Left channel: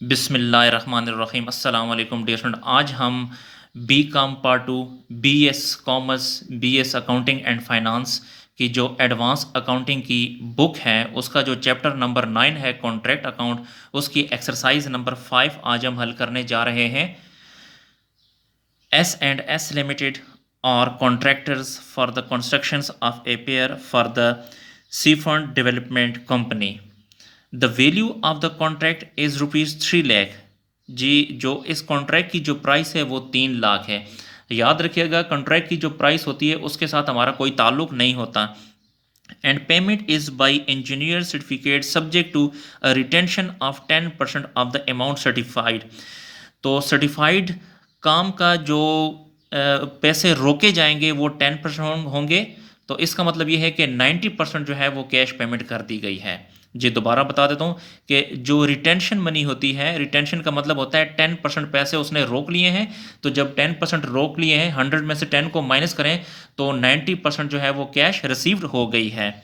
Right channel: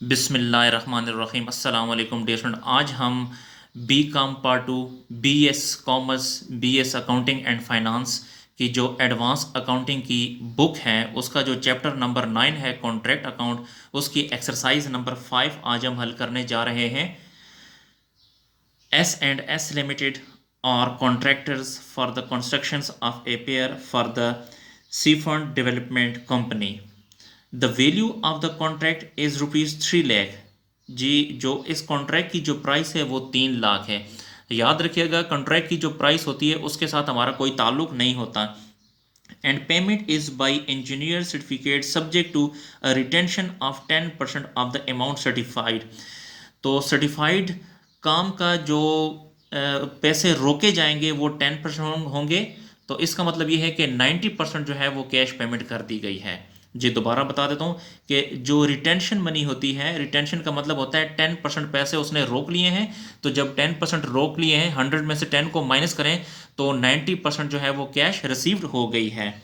बिस्मिल्लाहिर्रहमानिर्रहीम अस्सलाम वालेकुम डियर स्टूडेंट। आज हम B com part two BS commerce BS accounting and finance की जो एडवांस अकाउंटिंग की बुक है उसका जो चैप्टर नंबर 9 है कॉन्ट्रैक्ट अकाउंट, उसकी एक्सरसाइज नंबर 5 आज हम हल करने जा रहे हैं। S&S Limited or contractors for the constructions of a pier for the Seafront Development Company. The value of the contract is rupees 3 lakh। जी, जो इस कॉन्ट्रैक्ट की जो प्राइस है वो 3 लाख है। याद रखिएगा, कॉन्ट्रैक्ट की जो प्राइस होती है उसके साथ हमारा कोई ताल्लुक नहीं होता। And payment is by engineer certificate subject to retention of 10% of the amount certified. तो सर्टिफाइड काम का जो पैसे रोके जाएंगे वो 10% होंगे। तो इसका मतलब ये है कि 90% जो है वो कैश पेमेंट कर दी गई है। जी, दोबारा बता देता हूँ कि जो रिटेंशन मनी होती है, रिटेंशन का मतलब होता है 10% पैसे उसने रोक लिए हैं। तो जब 10% रोक लिए हैं, 100 में से 10 को माइनस करें तो 90% जो है वो कैश रिसीव्ड हो गई है।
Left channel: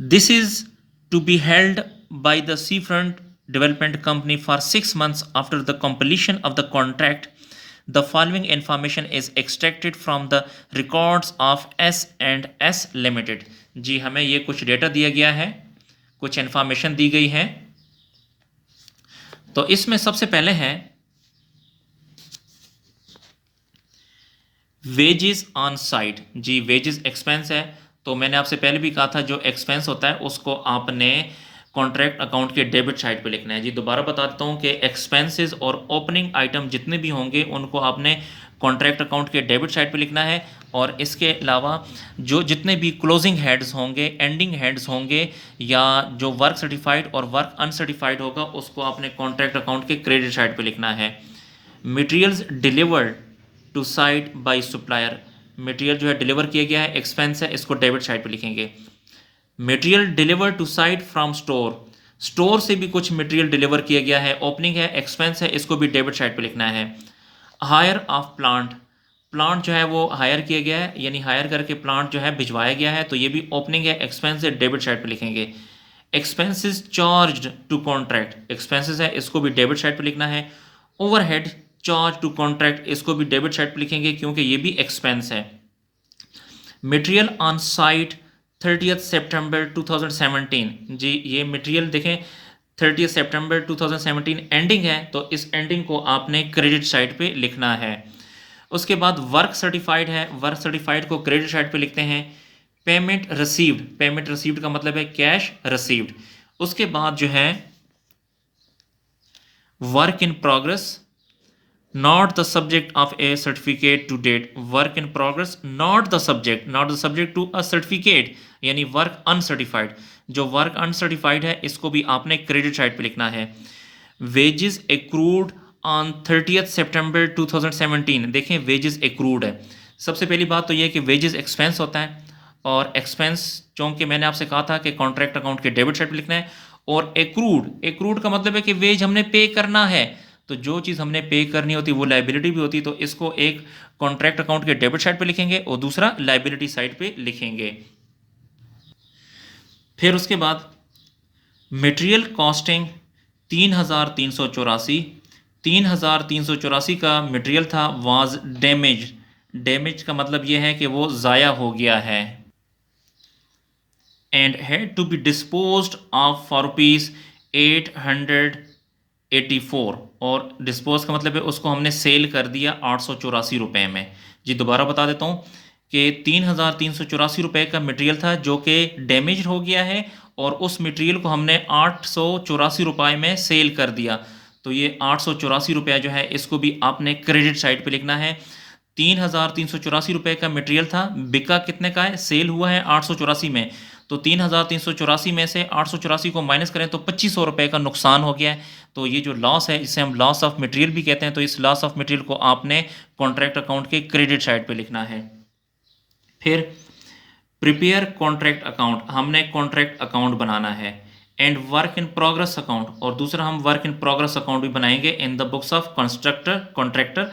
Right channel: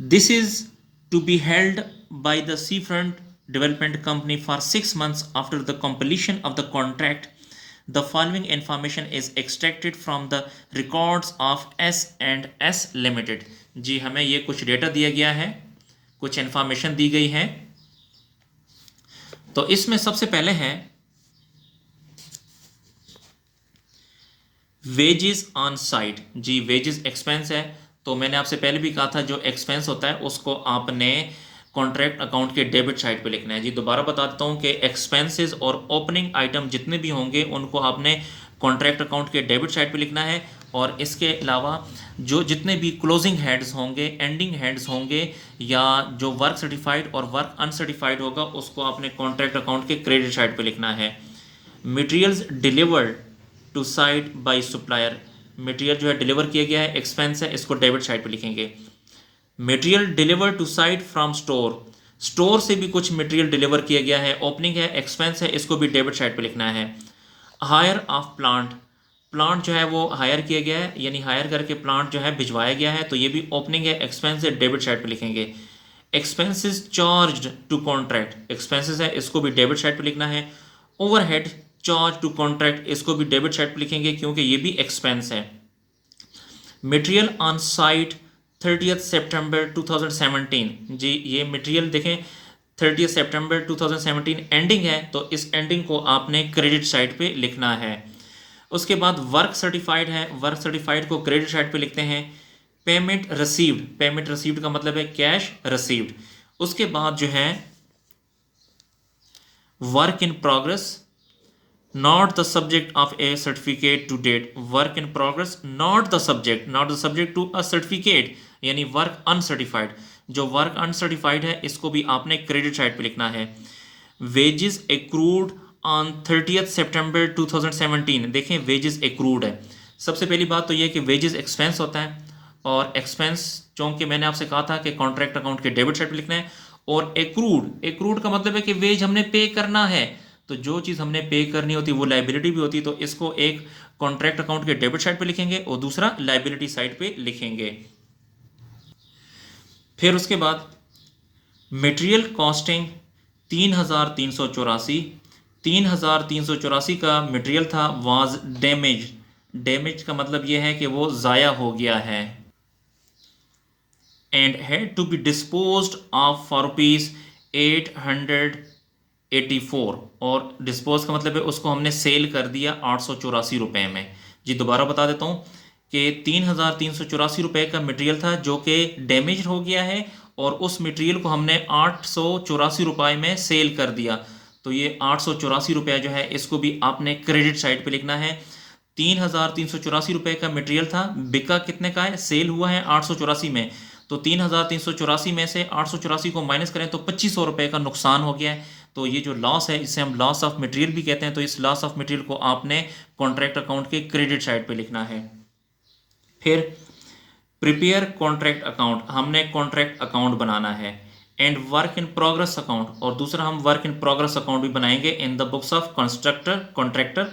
This is to be held by the Seafront Development Company for 6 months after the completion of the contract. The following information is extracted from the records of S&S Limited। जी, हमें ये कुछ data दिया गया है, कुछ इंफॉर्मेशन दी गई है। तो इसमें सबसे पहले है वेजेस ऑन साइट। जी, वेजेस एक्सपेंस है। तो मैंने आपसे पहले भी कहा था जो एक्सपेंस होता है उसको आपने कॉन्ट्रैक्ट अकाउंट के डेबिट साइड पे लिखना है। जी, दोबारा बता देता हूँ कि एक्सपेंसेस और ओपनिंग आइटम जितने भी होंगे उनको आपने कॉन्ट्रैक्ट अकाउंट के डेबिट साइड पे लिखना है। और इसके अलावा जो जितने भी क्लोजिंग हेड्स होंगे, एंडिंग हेड्स होंगे, या जो वर्क सर्टिफाइड और वर्क अनसर्टिफाइड होगा उसको आपने कॉन्ट्रैक्ट अकाउंट के क्रेडिट साइड पे लिखना है। Materials delivered to site by supplier. Material जो है डिलीवर किया गया है, एक्सपेंस है, इसको डेबिट साइड पे लिखेंगे। Material deliver to site from store, store से भी कुछ मटेरियल डिलीवर किया गया है, ओपनिंग है, एक्सपेंस है, इसको भी डेबिट साइड पे लिखना है। हायर ऑफ प्लांट, प्लांट जो है वो हायर किया गया है, यानी हायर करके प्लांट जो है भिजवाया गया है, तो ये भी ओपनिंग है, एक्सपेंस है, डेबिट साइड पे लिखेंगे। Expenses charge to contract, expenses है, इसको भी डेबिट साइड पे लिखना है। ओवरहेड चार्ज टू कॉन्ट्रैक्ट, इसको भी डेबिट साइड पे लिखेंगे क्योंकि ये भी एक्सपेंस है। मटेरियल ऑन साइट 30 सितंबर 2017। जी, ये मटेरियल देखें 30 सितंबर 2017 एंडिंग है, तो इस एंडिंग को आपने क्रेडिट साइड पे लिखना है। उसके बाद वर्क सर्टिफाइड है, वर्क सर्टिफाइड को क्रेडिट साइड पे लिखते हैं। पेमेंट रिसीव्ड, पेमेंट रिसीव्ड का मतलब है कैश रिसीव्ड। उसके बाद जो है work in progress not the subject of a certificate to date। work in progress not the subject, not the subject to a certificate, यानी वर्क अनसर्टिफाइड। जो work uncertified है इसको भी आपने क्रेडिट साइड पे लिखना है। वेजेस एक्रूड ऑन 30 सितंबर 2017। देखें, वेजेस एक्रूड है। सबसे पहली बात तो यह कि वेजेस एक्सपेंस होता है, और एक्सपेंस चूंकि मैंने आपसे कहा था कि कॉन्ट्रैक्ट अकाउंट के डेबिट साइड पे लिखना है। और एक्रूड, एक्रूड का मतलब है कि वेज हमने पे करना है। तो जो चीज़ हमने पे करनी होती वो लाइबिलिटी भी होती, तो इसको एक कॉन्ट्रैक्ट अकाउंट के डेबिट साइड पे लिखेंगे और दूसरा लाइबिलिटी साइड पे लिखेंगे। फिर उसके बाद मटेरियल कॉस्टिंग 3,384, 3,384 का मटेरियल था, वाज डैमेज। डैमेज का मतलब यह है कि वो ज़ाया हो गया है। And had to be disposed of for rupees 884। और डिस्पोज का मतलब है उसको हमने सेल कर दिया 884 रुपये में। जी, दोबारा बता देता हूँ कि 3,384 रुपये का मटेरियल था जो कि डैमेज हो गया है, और उस मटेरियल को हमने 884 रुपये में सेल कर दिया। तो ये 884 रुपये जो है इसको भी आपने क्रेडिट साइड पे लिखना है। 3,384 रुपये का मटेरियल था, बिका कितने का है, सेल हुआ है 884 में। तो 3,384 में से 884 को माइनस करें तो 2500 रुपये का नुकसान हो गया है। तो ये जो लॉस है इसे हम लॉस ऑफ मटेरियल भी कहते हैं। तो इस लॉस ऑफ मटेरियल को आपने कॉन्ट्रैक्ट अकाउंट के क्रेडिट साइड पे लिखना है। फिर प्रिपेयर कॉन्ट्रैक्ट अकाउंट, हमने कॉन्ट्रैक्ट अकाउंट बनाना है। And work in progress account, और दूसरा हम वर्क इन प्रोग्रेस अकाउंट भी बनाएंगे in the books of constructor contractor.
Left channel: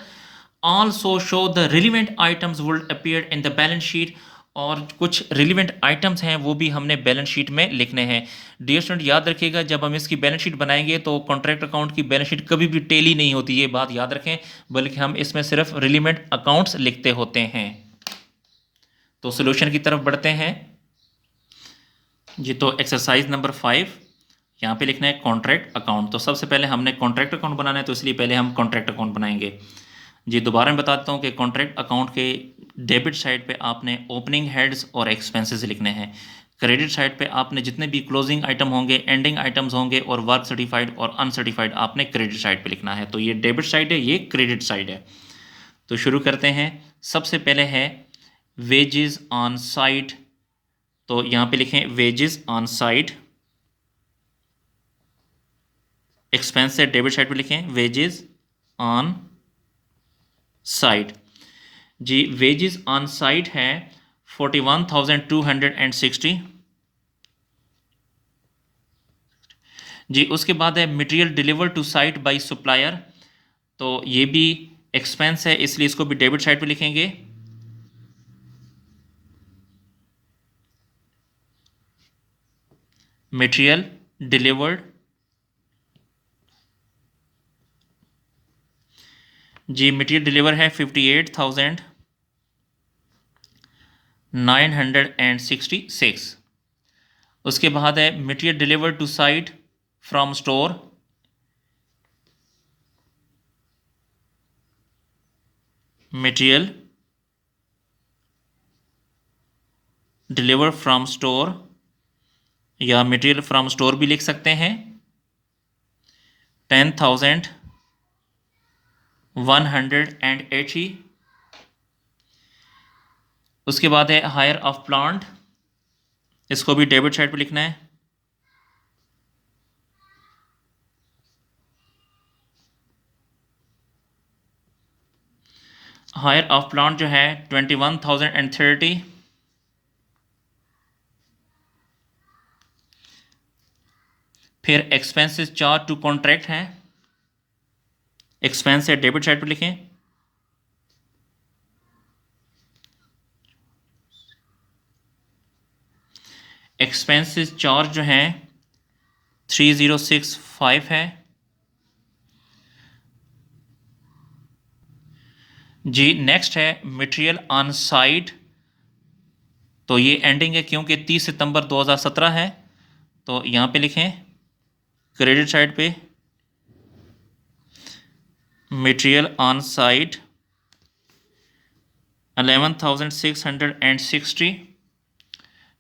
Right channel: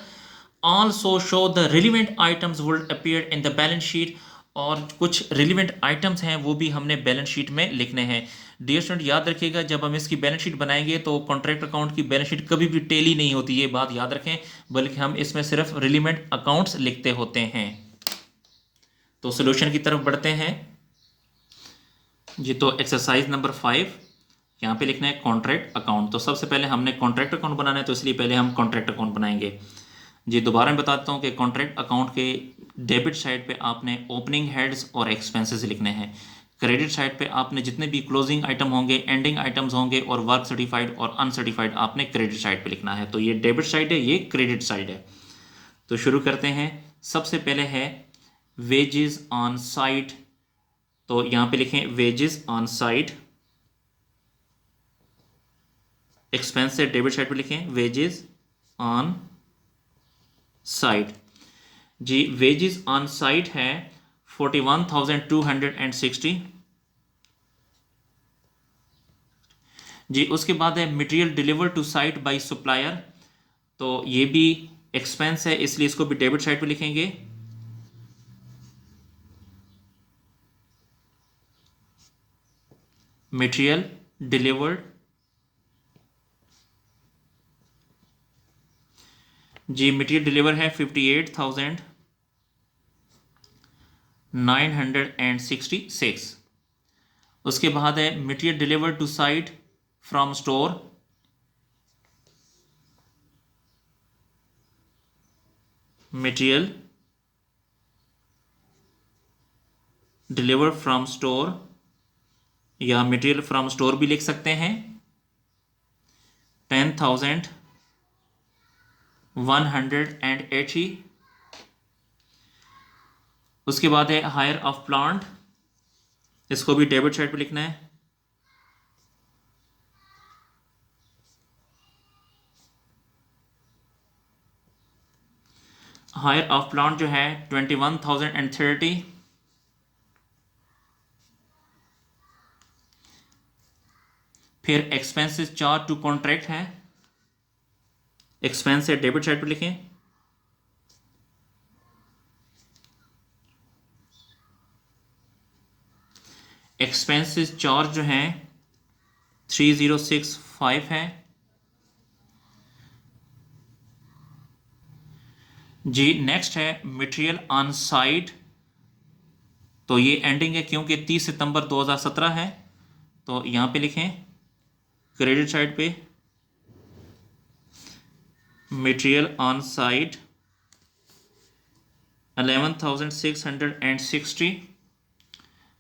Also show the relevant items would appear in the balance sheet, और कुछ relevant items हैं वो भी हमने बैलेंस शीट में लिखने हैं। डियर स्टूडेंट याद रखिएगा, जब हम इसकी बैलेंस शीट बनाएंगे तो कॉन्ट्रैक्ट अकाउंट की बैलेंस शीट कभी भी टेली नहीं होती, ये बात याद रखें, बल्कि हम इसमें सिर्फ रिलेवेंट अकाउंट्स लिखते होते हैं। तो सोल्यूशन की तरफ बढ़ते हैं जी। तो एक्सरसाइज नंबर 5 यहाँ पे लिखना है कॉन्ट्रैक्ट अकाउंट। तो सबसे पहले हमने कॉन्ट्रैक्ट अकाउंट बनाना है, तो इसलिए पहले हम कॉन्ट्रैक्ट अकाउंट बनाएंगे जी। दोबारा मैं बताता हूँ कि कॉन्ट्रैक्ट अकाउंट के डेबिट साइड पे आपने ओपनिंग हेड्स और एक्सपेंसेस लिखने हैं। क्रेडिट साइड पे आपने जितने भी क्लोजिंग आइटम होंगे, एंडिंग आइटम्स होंगे और वर्क सर्टिफाइड और अनसर्टिफाइड आपने क्रेडिट साइड पे लिखना है। तो ये डेबिट साइड है, ये क्रेडिट साइड है। तो शुरू करते हैं। सबसे पहले है वेजेस ऑन साइट। तो यहाँ पे लिखें वेजेस ऑन साइट। एक्सपेंस से डेबिट साइड पे लिखें वेजेस ऑन साइट जी। वेजेस ऑन साइट है 41,260 जी। उसके बाद है material deliver to site by supplier. तो ये भी एक्सपेंस है, इसलिए इसको भी डेबिट साइड पे लिखेंगे। मटेरियल डिलीवर्ड जी। मटेरियल डिलीवर है 58,966। उसके बाद है material deliver to site from store. Material deliver from store या मटेरियल फ्रॉम स्टोर भी लिख सकते हैं। 10,180। उसके बाद है हायर ऑफ प्लांट, इसको भी डेबिट साइड पे लिखना है। हायर ऑफ प्लांट जो है 21,030। फिर एक्सपेंसेस चार्ज टू कॉन्ट्रैक्ट हैं, एक्सपेंस है डेबिट साइड पे लिखें। एक्सपेंसेस चार्ज जो हैं 3065 है जी। नेक्स्ट है मटेरियल ऑन साइट। तो ये एंडिंग है क्योंकि 30 सितंबर 2017 है, तो यहाँ पे लिखें क्रेडिट साइड पे मटेरियल ऑन साइट 11,660।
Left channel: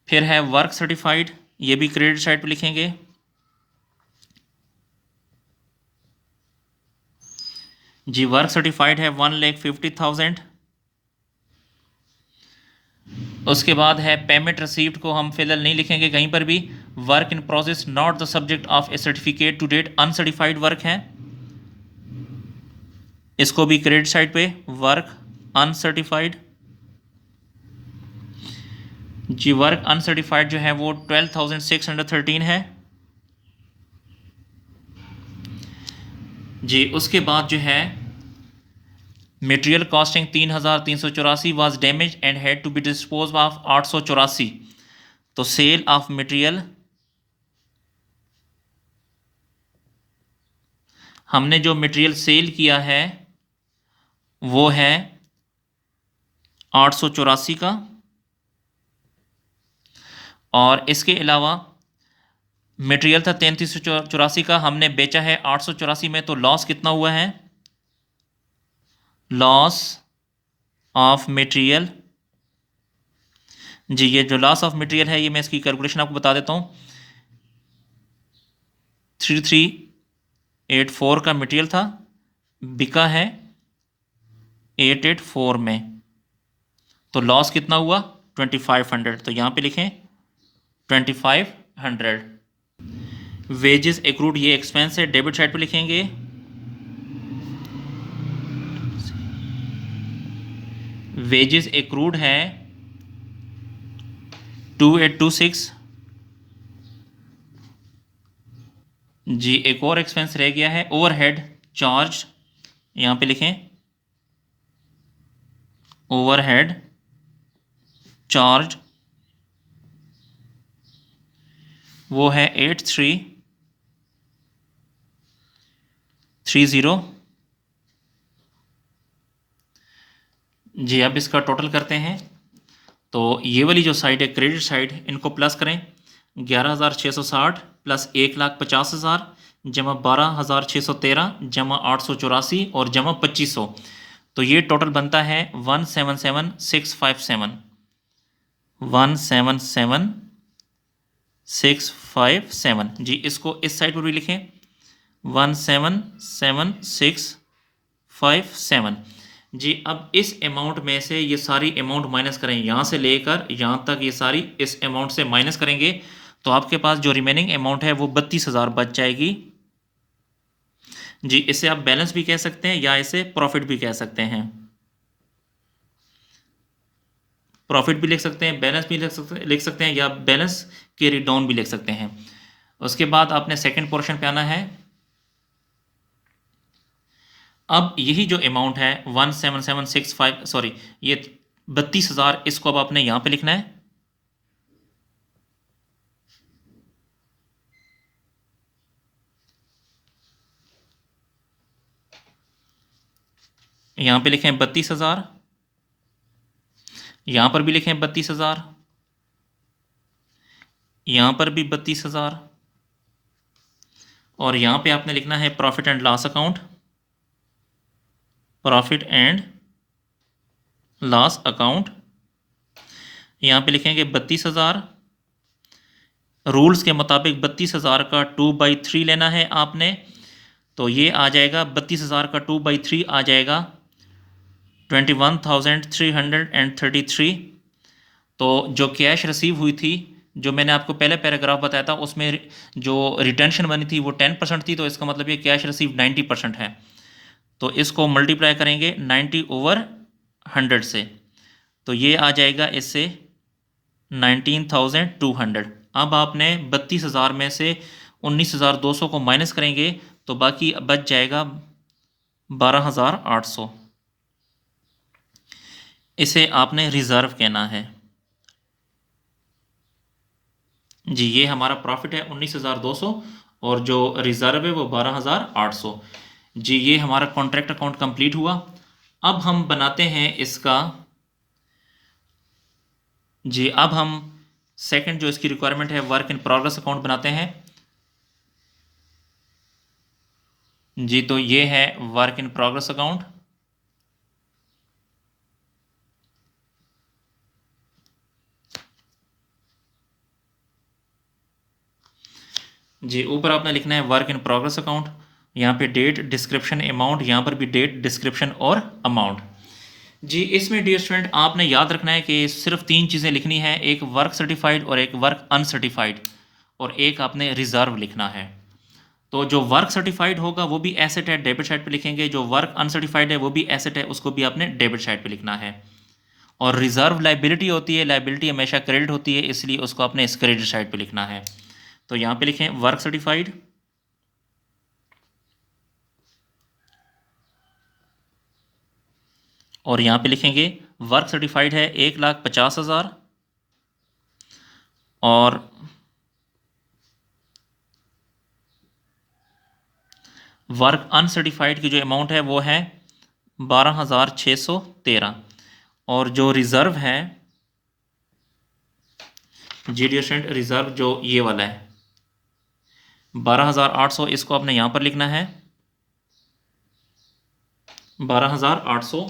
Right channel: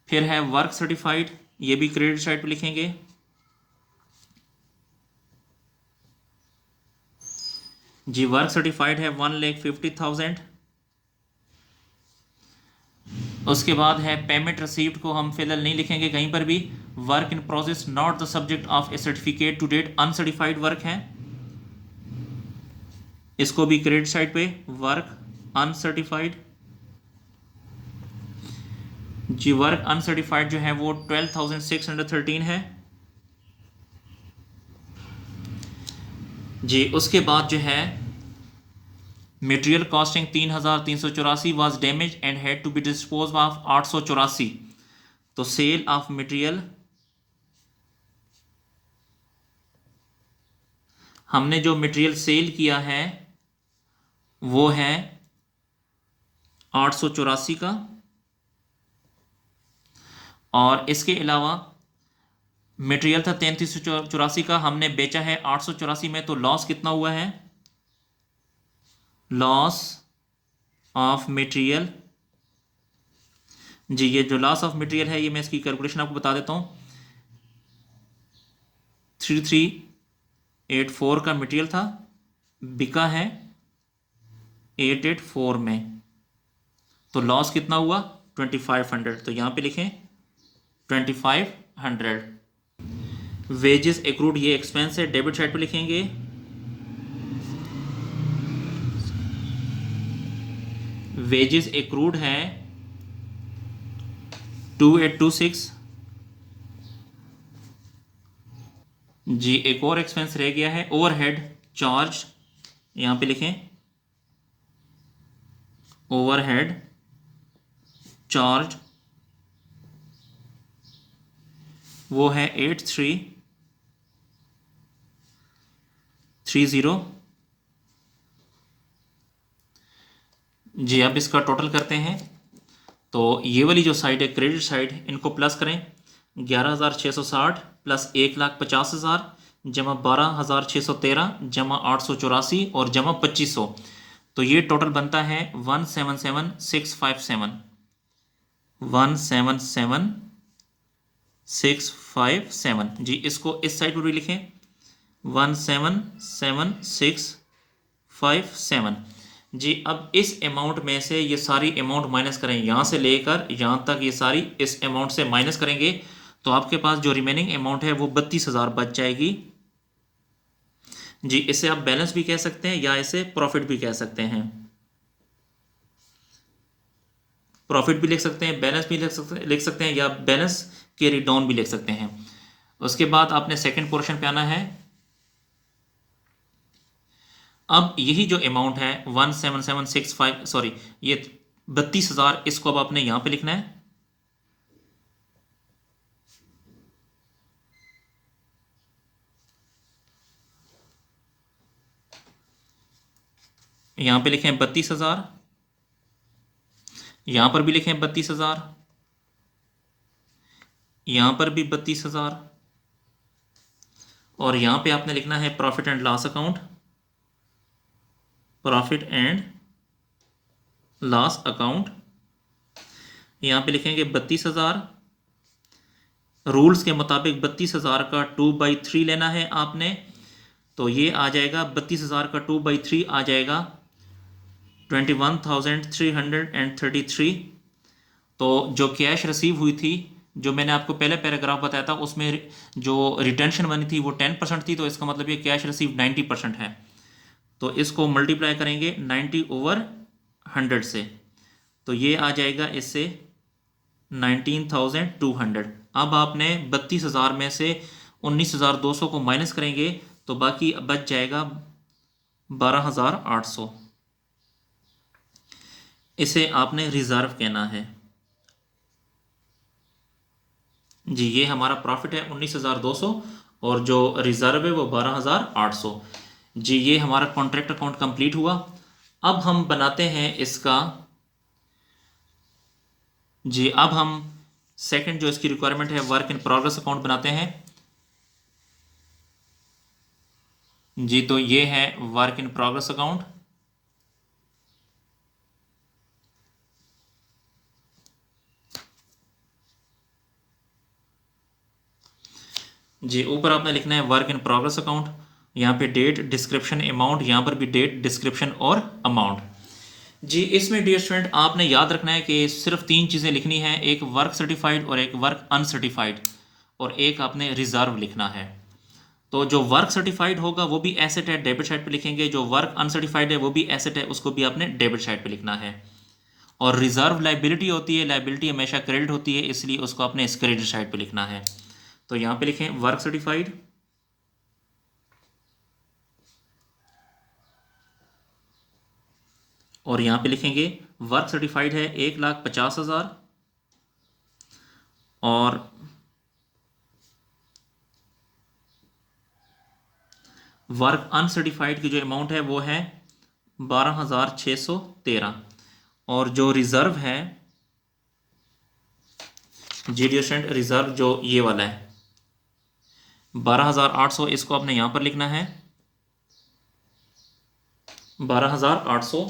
फिर है वर्क सर्टिफाइड, ये भी क्रेडिट साइड पे लिखेंगे। जी वर्क सर्टिफाइड है 1,50,000। उसके बाद है पेमेंट रिसीव्ड को हम फिलहाल नहीं लिखेंगे कहीं पर भी। Work in process not the subject of a certificate to date, uncertified work है, इसको भी क्रेडिट साइड पे वर्क अनसर्टिफाइड जी। वर्क अनसर्टिफाइड जो है वो 12,613 है जी। उसके बाद जो है material costing 3,384 was damage and had to be dispose of 884। तो सेल ऑफ मटेरियल हमने जो मटेरियल सेल किया है वो है 884 का, और इसके अलावा मटेरियल था 3,384 का, हमने बेचा है 884 में, तो लॉस कितना हुआ है? लॉस ऑफ मटेरियल जी। ये जो लॉस ऑफ मटेरियल है, ये मैं इसकी कैलकुलेशन आपको बता देता हूँ। 3384 का मटेरियल था, बिका है 884 में, तो लॉस कितना हुआ? 2500। तो यहाँ पे लिखें 2500। वेजेस एक्रूड, ये एक्सपेंस है, डेबिट साइड पे लिखेंगे। वेजेस एक्रूड है 2826 जी। एक और एक्सपेंस रह गया है ओवरहेड चार्ज, यहां पे लिखें ओवरहेड चार्ज वो है 8330। जी अब इसका टोटल करते हैं। तो ये वाली जो साइड है क्रेडिट साइड, इनको प्लस करें। 11,660 प्लस 1,50,000 जमा 12,613 जमा 884 और जमा 2500। तो ये टोटल बनता है 177,657। 177,657। जी इसको इस साइड पर भी लिखें, 177,657। जी अब इस अमाउंट में से ये सारी अमाउंट माइनस करें, यहाँ से लेकर यहाँ तक ये सारी इस अमाउंट से माइनस करेंगे तो आपके पास जो रिमेनिंग अमाउंट है वो 32,000 बच जाएगी। जी इसे आप बैलेंस भी कह सकते हैं या इसे प्रॉफिट भी कह सकते हैं। प्रॉफिट भी लिख सकते हैं, बैलेंस भी लिख सकते हैं या बैलेंस कैरी डाउन भी लिख सकते हैं। उसके बाद आपने सेकंड पोर्शन पे आना है। अब यही जो अमाउंट है 17765, सॉरी ये 32,000, इसको अब आपने यहां पे लिखना है। यहां पे लिखें 32,000, यहां पर भी लिखें 32,000, यहां पर भी 32,000 और यहां पे आपने लिखना है profit and loss account, profit and loss account. यहां पे लिखेंगे 32,000। रूल्स के मुताबिक 32,000 का 2/3 लेना है आपने। तो ये आ जाएगा 32,000 का 2/3 आ जाएगा 21,333। तो जो कैश रिसीव हुई थी, जो मैंने आपको पहले पैराग्राफ बताया था, उसमें जो रिटेंशन बनी थी वो 10% थी। तो इसका मतलब ये कैश रिसीव 90% है। तो इसको मल्टीप्लाई करेंगे 90/100 से, तो ये आ जाएगा इससे 19,200। अब आपने 32,000 में से 19,200 को माइनस करेंगे तो बाकी बच जाएगा 12,800। इसे आपने रिजर्व कहना है। जी ये हमारा प्रॉफिट है 19,200 और जो रिजर्व है वो 12,800। जी ये हमारा कॉन्ट्रैक्ट अकाउंट कंप्लीट हुआ। अब हम बनाते हैं इसका, जी अब हम सेकंड जो इसकी रिक्वायरमेंट है वर्क इन प्रोग्रेस अकाउंट बनाते हैं। जी तो ये है वर्क इन प्रोग्रेस अकाउंट। जी ऊपर आपने लिखना है वर्क इन प्रोग्रेस अकाउंट, यहाँ पे डेट, डिस्क्रिप्शन, अमाउंट, यहाँ पर भी डेट, डिस्क्रिप्शन और अमाउंट। जी इसमें डियर स्टूडेंट आपने याद रखना है कि सिर्फ तीन चीज़ें लिखनी है, एक वर्क सर्टिफाइड और एक वर्क अनसर्टिफाइड और एक आपने रिजर्व लिखना है। तो जो वर्क सर्टिफाइड होगा वो भी एसेट है, डेबिट साइड पे लिखेंगे। जो वर्क अनसर्टिफाइड है वो भी एसेट है, उसको भी आपने डेबिट साइड पे लिखना है। और रिजर्व लाइबिलिटी होती है, लाइबिलिटी हमेशा क्रेडिट होती है, इसलिए उसको आपने इस क्रेडिट साइड पे लिखना है। तो यहाँ पे लिखें वर्क सर्टिफाइड, और यहाँ पे लिखेंगे वर्क सर्टिफाइड है 1,50,000 और वर्क अनसर्टिफाइड की जो अमाउंट है वो है 12,613। और जो रिजर्व है, जीडियोसेंट रिजर्व जो ये वाला है 12,800, इसको आपने यहाँ पर लिखना है 12,800।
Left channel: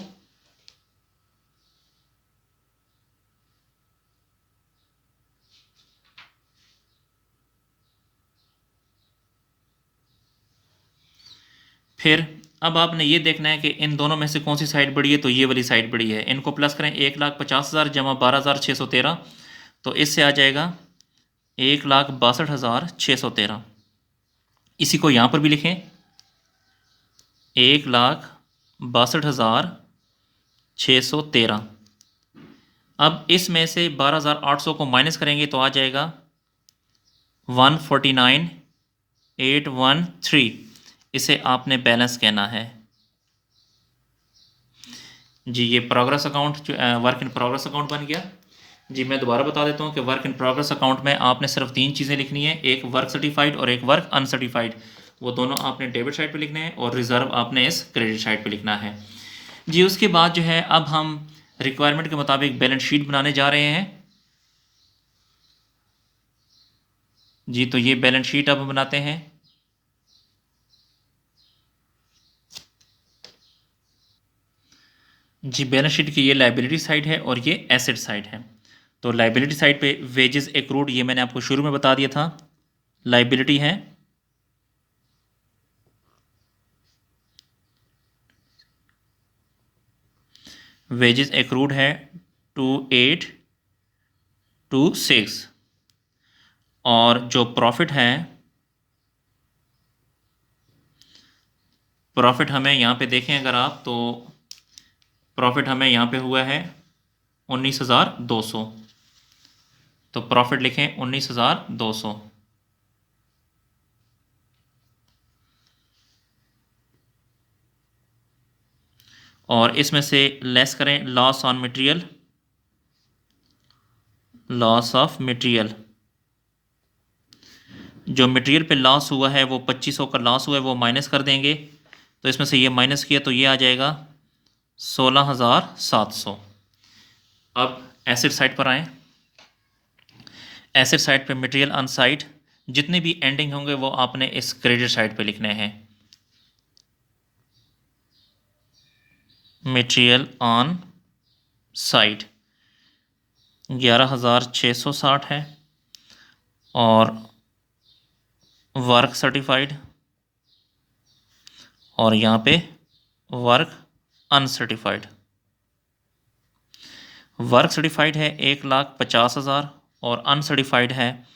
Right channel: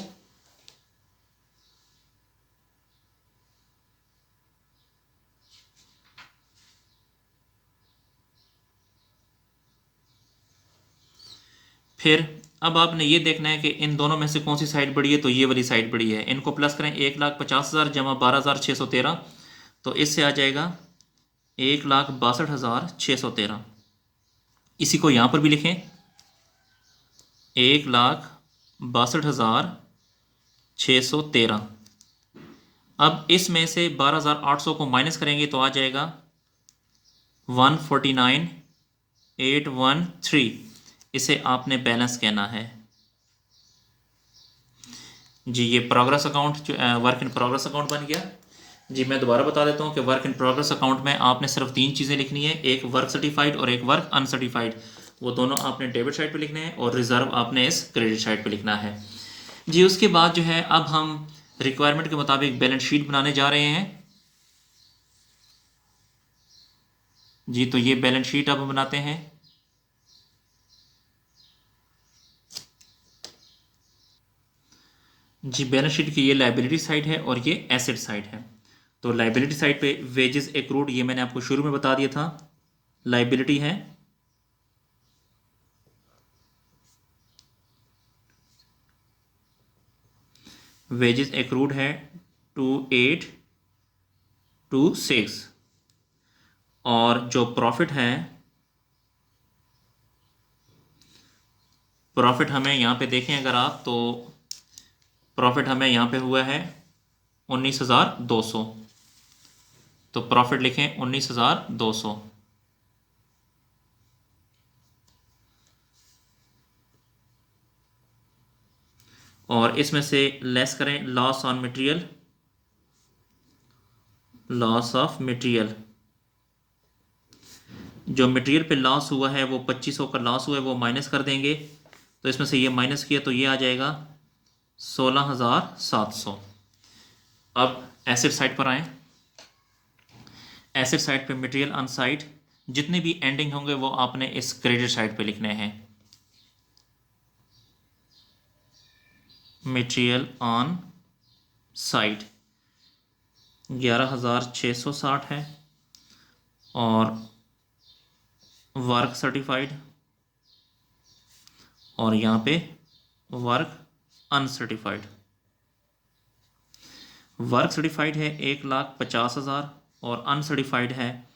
फिर अब आपने ये देखना है कि इन दोनों में से कौन सी साइड बड़ी है। तो ये वाली साइड बड़ी है, इनको प्लस करें। 1,50,000 जमा 12,613, तो इससे आ जाएगा 1,62,613। इसी को यहाँ पर भी लिखें 1,62,613। अब इसमें से 12,800 को माइनस करेंगे तो आ जाएगा 149,813। इसे आपने बैलेंस कहना है। जी ये progress account, work in progress account बन गया। जी मैं दोबारा बता देता हूँ कि वर्क इन प्रोग्रेस अकाउंट में आपने सिर्फ 3 चीज़ें लिखनी है, एक वर्क सर्टिफाइड और एक वर्क अनसर्टिफाइड। वो दोनों आपने डेबिट साइड पे लिखने हैं और रिज़र्व आपने इस क्रेडिट साइड पे लिखना है। जी उसके बाद जो है अब हम रिक्वायरमेंट के मुताबिक बैलेंस शीट बनाने जा रहे हैं। जी तो ये बैलेंस शीट अब हम बनाते हैं। जी बैलेंस शीट की ये लाइबिलिटी साइड है और ये एसेट साइड है। तो लाइबिलिटी साइड पे वेजेस एक्रूड ये मैंने आपको शुरू में बता दिया था, लाइबिलिटी है। वेजेस एक्रूड है 2826 और जो प्रॉफिट है, प्रॉफिट हमें यहाँ पे देखें अगर आप तो प्रॉफिट हमें यहाँ पे हुआ है 19,200। तो प्रॉफिट लिखें 19,200। और इसमें से लेस करें loss on material, loss of material. जो मटेरियल पे लॉस हुआ है वो 2500 का लॉस हुआ है वो माइनस कर देंगे। तो इसमें से ये माइनस किया तो ये आ जाएगा 16,700। अब एसेट साइड पर आएँ। एसेट साइड पे मटेरियल ऑन साइट जितने भी एंडिंग होंगे वो आपने इस क्रेडिट साइड पे लिखने हैं। मटेरियल ऑन साइट 11,660 है और वर्क सर्टिफाइड और यहाँ पे वर्क अनसर्टिफाइड। वर्क सर्टिफाइड है 1,50,000 और अनसर्टिफाइड है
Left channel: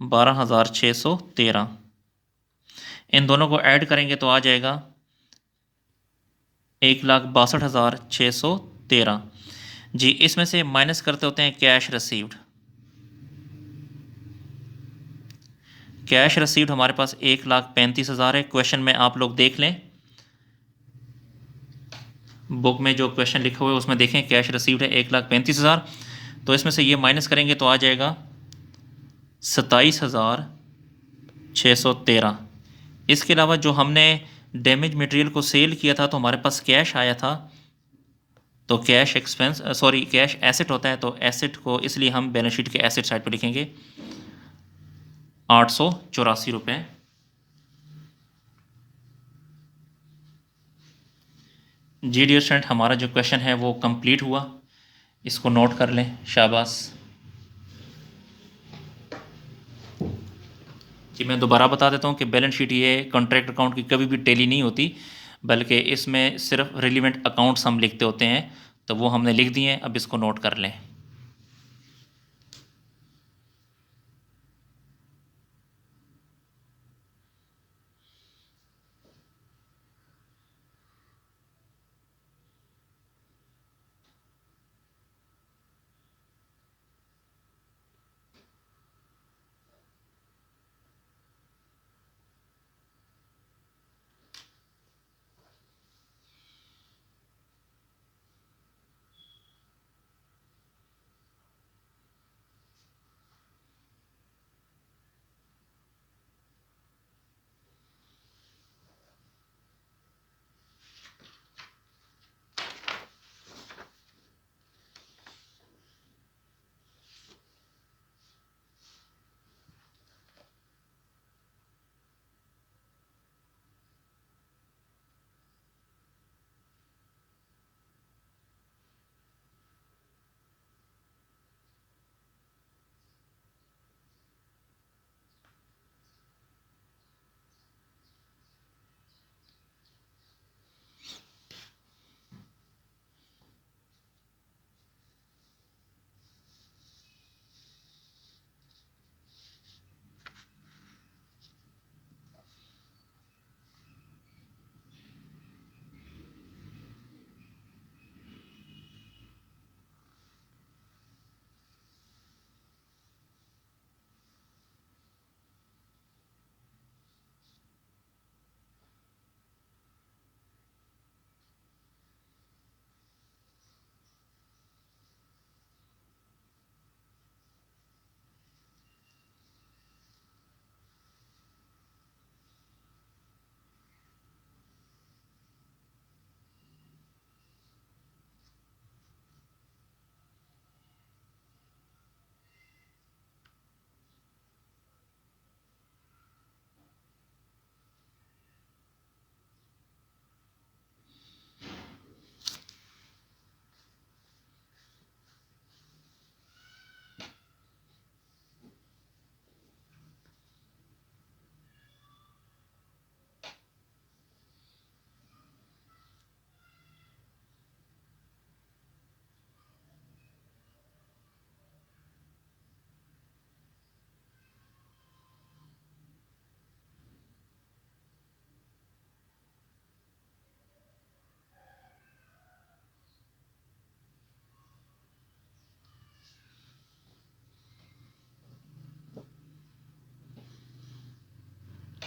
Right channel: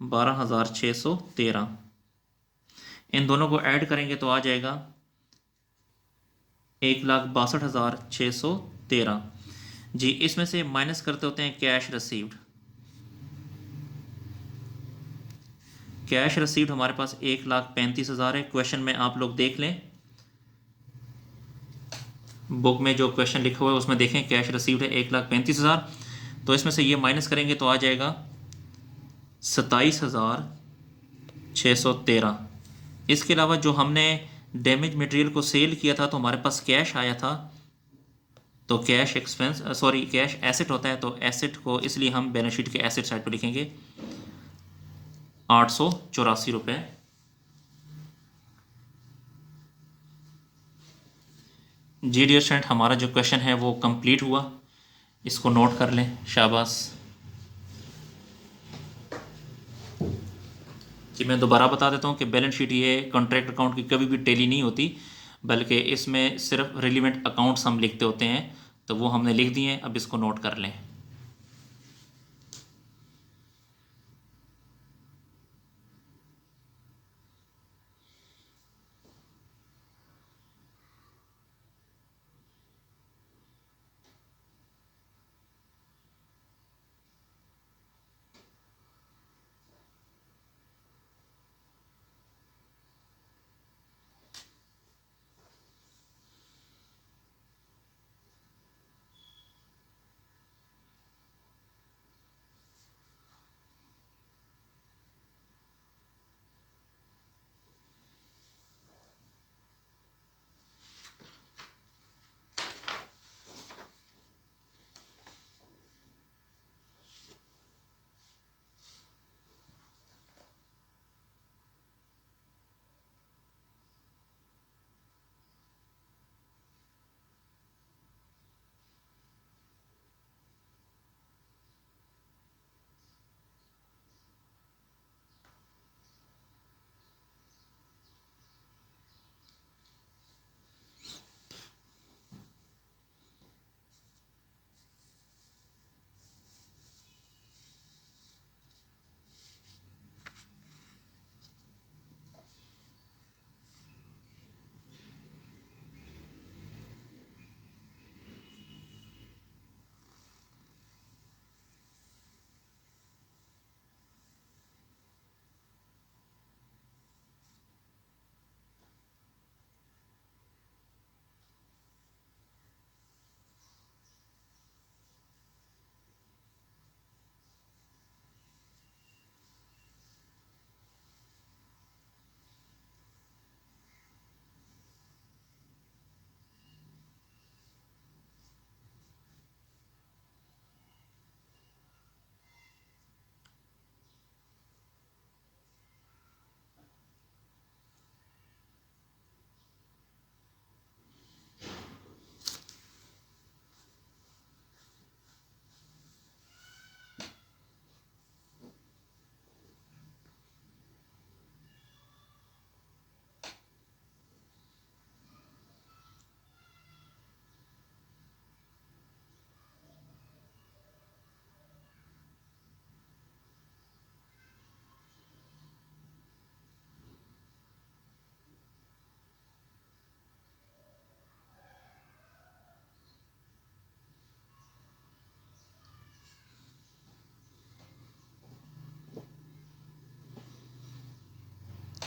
12,613। इन दोनों को ऐड करेंगे तो आ जाएगा 1,62,613। जी इसमें से माइनस करते होते हैं कैश रिसीव्ड। कैश रिसीव्ड हमारे पास 1,35,000 है। क्वेश्चन में आप लोग देख लें, बुक में जो क्वेश्चन लिखा हुआ है उसमें देखें कैश रिसीव्ड है 1,35,000। तो इसमें से ये माइनस करेंगे तो आ जाएगा 27,613। इसके अलावा जो हमने डैमेज मटेरियल को सेल किया था तो हमारे पास कैश आया था, तो cash expense sorry cash asset होता है, तो एसेट को इसलिए हम बैलेंस शीट के एसेट साइड पर लिखेंगे 884 रुपये। जी डियर स्टूडेंट हमारा जो क्वेश्चन है वो कंप्लीट हुआ, इसको नोट कर लें, शाबाश। जी मैं दोबारा बता देता हूँ कि बैलेंस शीट ये कॉन्ट्रैक्ट अकाउंट की कभी भी टैली नहीं होती, बल्कि इसमें सिर्फ रिलेवेंट अकाउंट्स हम लिखते होते हैं। तो वो हमने लिख दिए हैं, अब इसको नोट कर लें।